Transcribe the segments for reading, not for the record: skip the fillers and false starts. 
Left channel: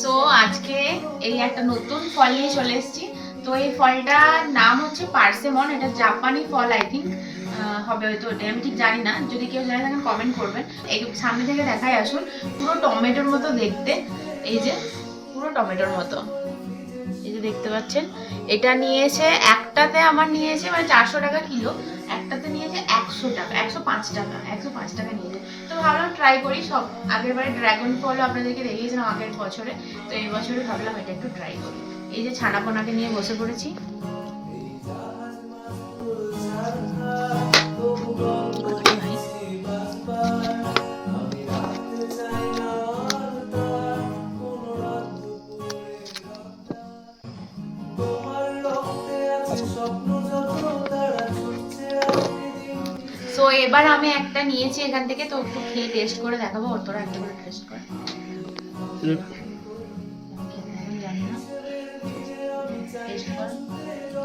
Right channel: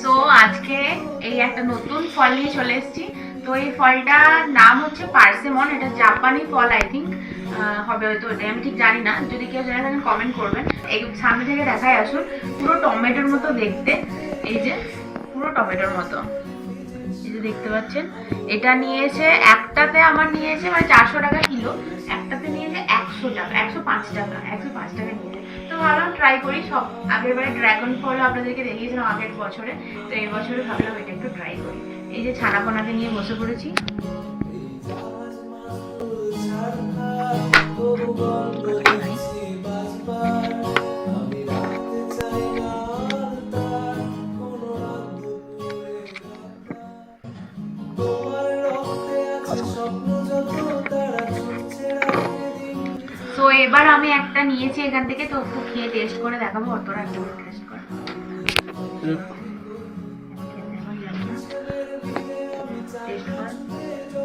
So আজকে এই একটা নতুন ফল নিয়ে চলে এসেছি। তো এই ফলটার নাম হচ্ছে পার্সেমন। এটা জাপানি ফল আই থিঙ্ক, হবে হয়তো, এটা আমি ঠিক জানি না। যদি কেউ জানে থাকেন কমেন্ট করবেন। এই সামনে থেকে দেখায় আসুন, পুরো টমেটোর মতো দেখতে। এই যে পুরো টমেটোর মতো, এই যে দেখতে পাচ্ছেন। এটা নিয়েছে একটাতে, আমার নিয়েছে মানে 400 টাকা কিলো। একটাতে নিয়েছে 100 টাকা, 105 টাকা, 105 টাকা নিয়েছে। তো ভাবলাম ট্রাই করি। সব আগের বারে ড্রাগন ফল আপনাদেরকে দেখিয়েছিলাম আগের বছরে, তো এই বছরে ভাবলাম এটা একটু ট্রাই করি। এই যে ছানাপোনাকে নিয়ে বসে পড়েছি। সো এবার আমি একটা নিয়েছি এখান থেকে, তো একটু খেয়ে টেস্ট করে দেখাবো। ওর তোরা একটু টেস্ট করে টেস্ট কর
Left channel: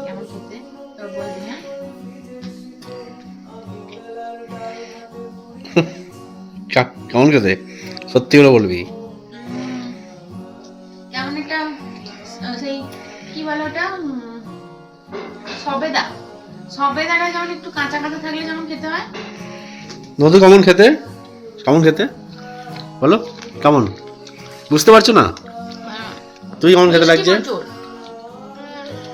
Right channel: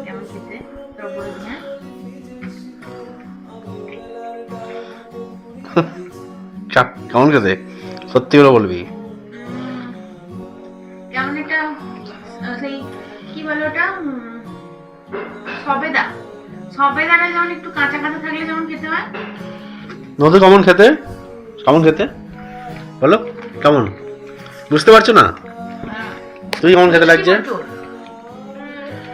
কেমন খেতে, তোর বলবি। হ্যাঁ, কেমন খেতে? সত্যি করে বলবি। কেমন একটা সেই কি বলে ওটা, সবেদা। সবেদাটা যেমন একটু কাঁচা কাঁচা থাকলে যেমন খেতে হয়। নদী কেমন খেতে? কেমন খেতে বলো, কেমন? বুঝতে পারছো না? তুই কেমন খেতে লাগছে?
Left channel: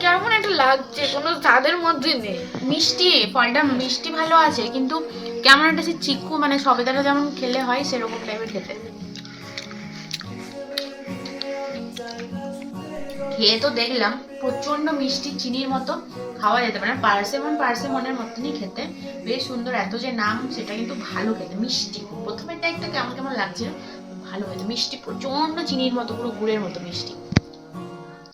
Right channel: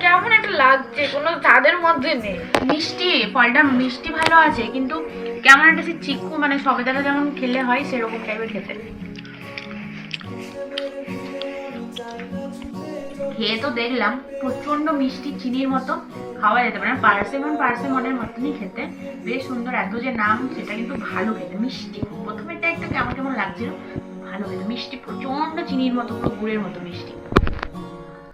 কেমন একটা লাগছে, কোনো স্বাদের মধ্যে নেই। মিষ্টি, ফলটা মিষ্টি ভালো আছে, কিন্তু কেমন একটা সে চিকু, মানে সবেদাটা যেমন খেলে হয় সেরকম টাইপের খেতে। খেয়ে তো দেখলাম প্রচন্ড মিষ্টি, চিনির মতো, খাওয়া যেতে পারে না। পার্সেমনের মতনই খেতে, বেশ সুন্দর। এত যে নাম, সেটা কিন্তু ভালো খেতে, মিষ্টি। প্রথমে একটা কেমন কেমন লাগছিল, ভালো খেতে, মিষ্টি, প্রচন্ড চিনির মতো, পুরো গুড়ের মতো মিষ্টি।